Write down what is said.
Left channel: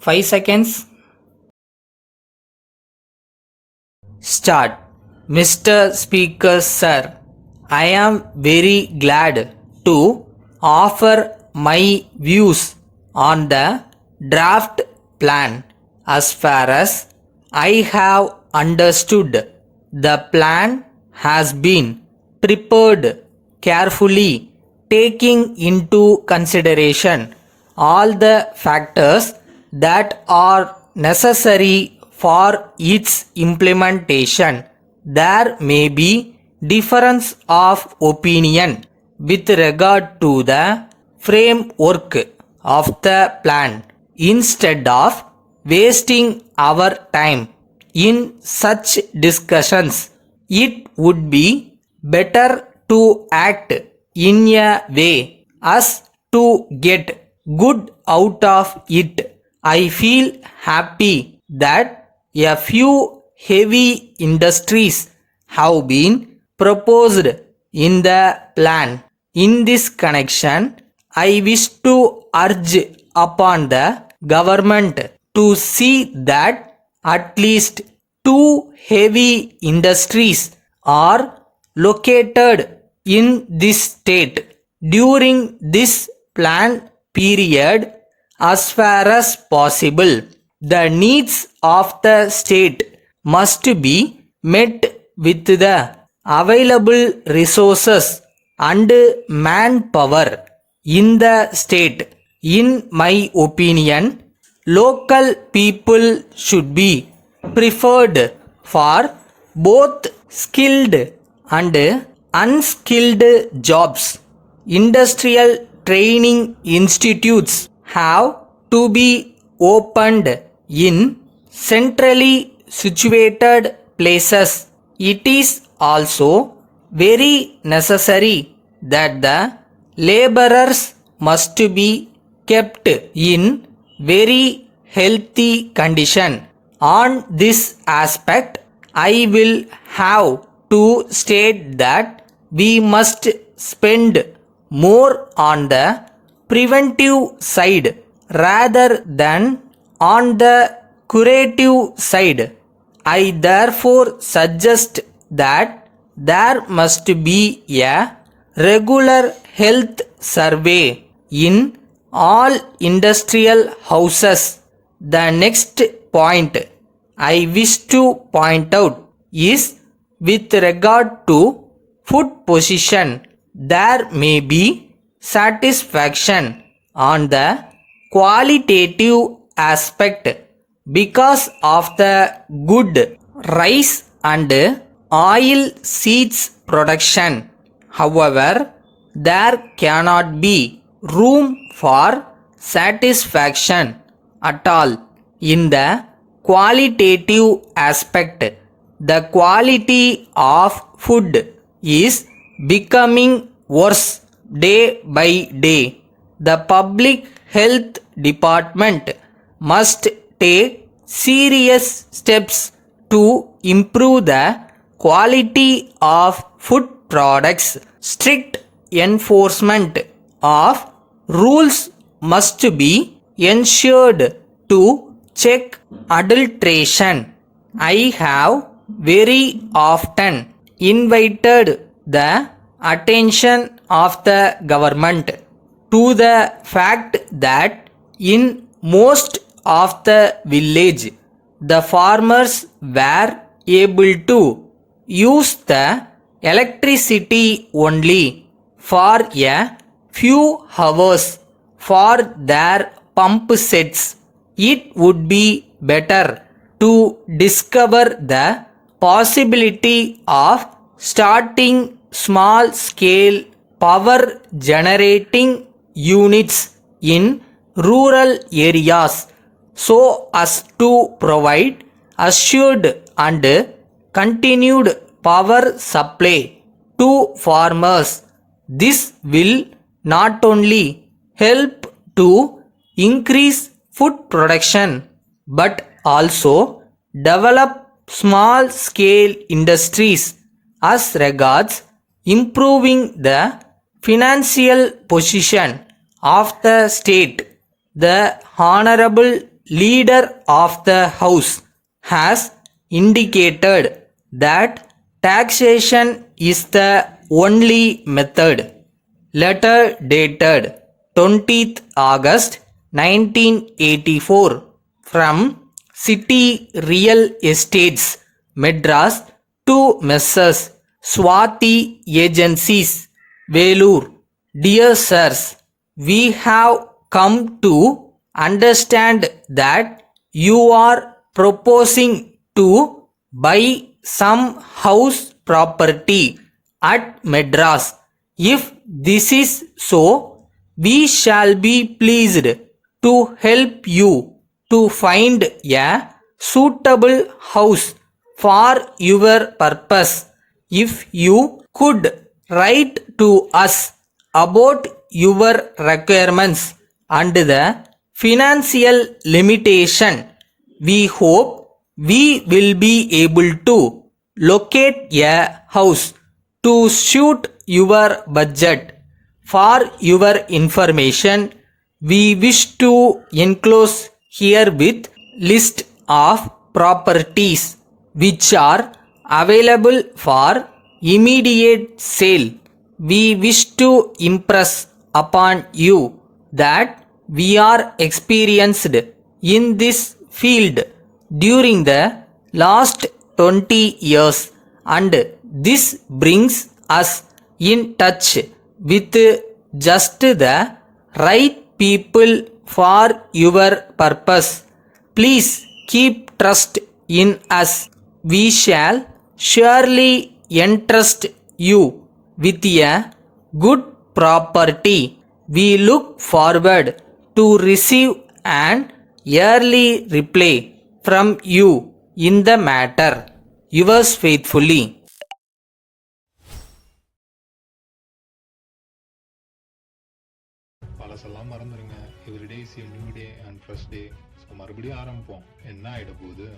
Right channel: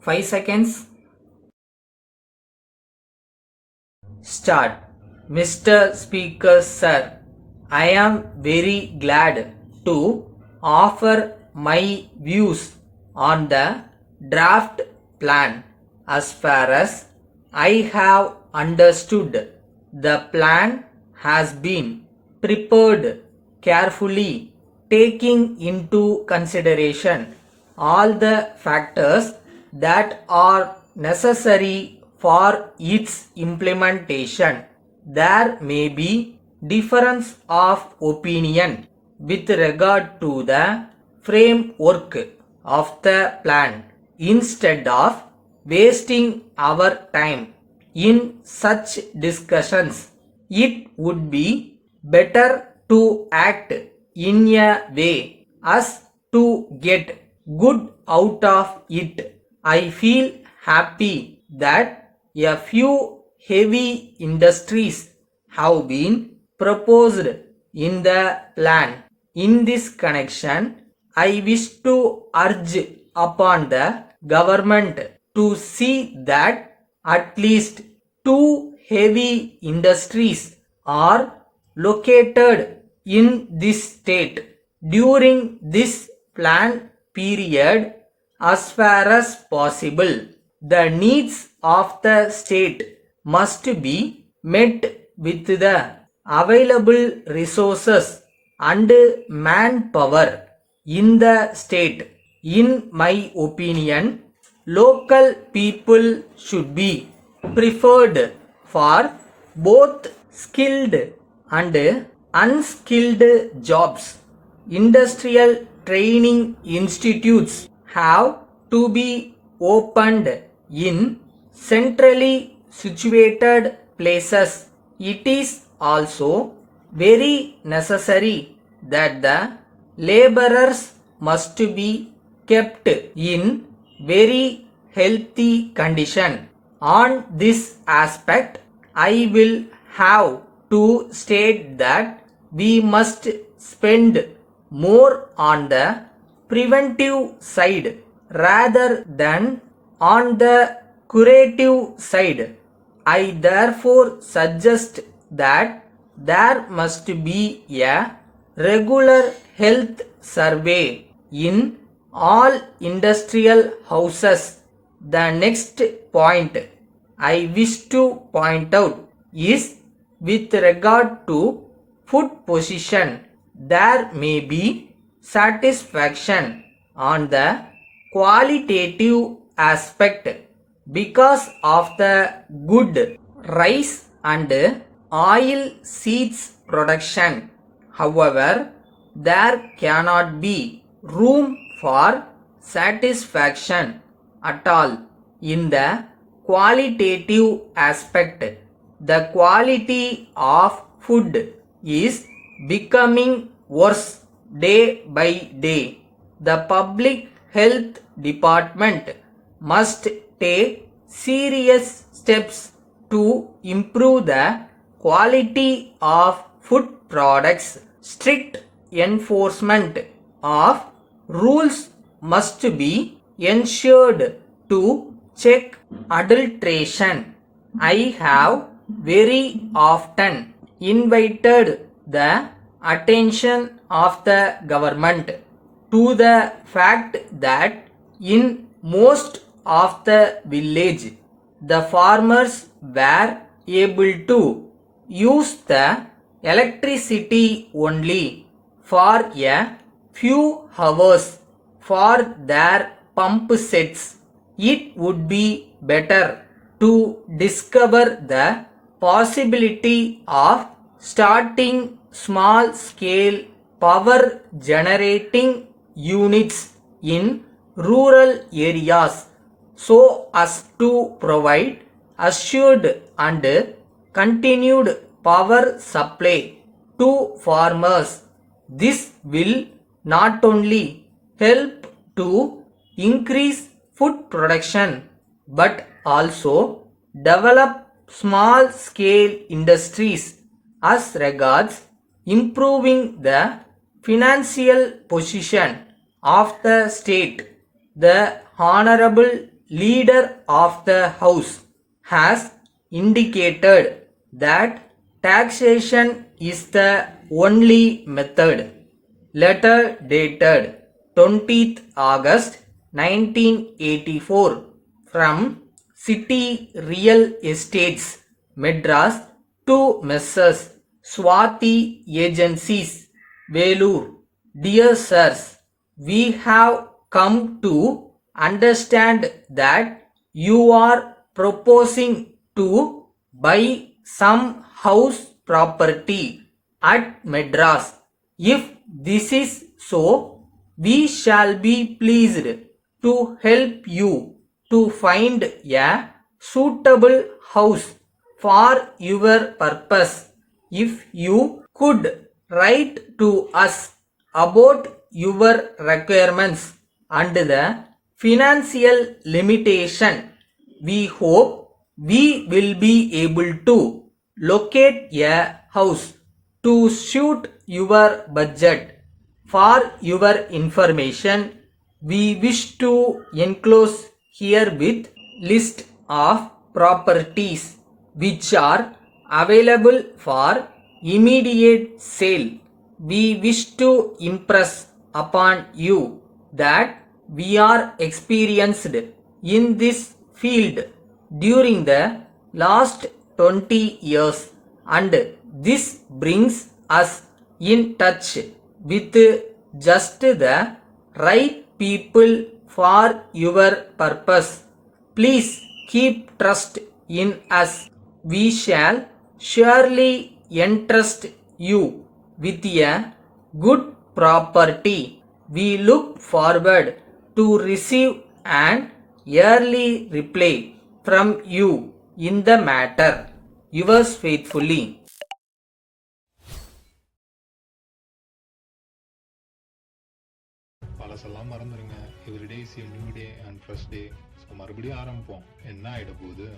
5 seconds. Start. Mr. Speaker, sir, I am very glad to offer my views on the draft plan. As far as I have understood, the plan has been prepared carefully, taking into consideration all the factors that are necessary for its implementation. There may be difference of opinion with regard to the framework of the plan. Instead of wasting our time in such discussions, it would be better to act in a way as to get good out of it. I feel happy that a few heavy industries have been proposed in the plan. In this connection, I wish to urge upon the government to see that at least two heavy industries are located in this state during this plan period. As far as possible, the needs of the state must be met with the available resources and manpower in the state. In my opinion, local people should be preferred for both skilled and unskilled jobs. Industrial training institutes have to be opened in centrally situated places. It is also very necessary that the laborers must be kept in very healthy condition. On this aspect, I will have to state that we must spend more on the preventive side rather than on the curative side. I therefore suggest that there must be a regular health survey in all industrial houses. The next point I wish to point out is with regard to food position. There may be satisfaction on the qualitative aspect because of the good rice and oil seeds production. However, there cannot be room for satisfaction at all in the qualitative aspect. The quality of food is becoming worse day by day. The public health department must take serious steps to improve the quality of food products. Strict enforcement of rules must be ensured to check adulteration. I have very often invited the attention of the government to the fact that in most of the village the farmers were able to use the electricity only for a few hours for their pump sets. It would be better to discover the possibility of starting small scale power generating units in rural areas so as to provide assured and continued power supply to farmers. This will not only help to increase food production but also develop small scale industries as regards improving the financial position of the state. The Honorable leader of the house has indicated that taxation is the only method. Letter dated 20th August 1984 from City Real Estates, Madras to Messrs. Swati Agencies, Velur. Dear sirs, we have come to understand that you are proposing to buy some house property at Madras. If this is so, we shall be pleased to help you to find a suitable house for your purpose. If you could write to us about your requirements and the financial limitation, we hope we will be able to locate a house to suit your budget. For your information, we wish to enclose herewith list of properties which are available for immediate sale. We wish to impress upon you that we are experienced in this field during the last 20 years, and this brings us in touch with just the right people for your purpose. Please keep trust in us. We shall surely entrust you with a good property. We look forward to receive an early reply from you in the matter. Yours faithfully. பழசெல்லாம் மறந்துடுங்க. Every day is a new day and fresh day. So மறுபடியும் ஆரம்பிப்போம். என்ன ஆகிட போகுது?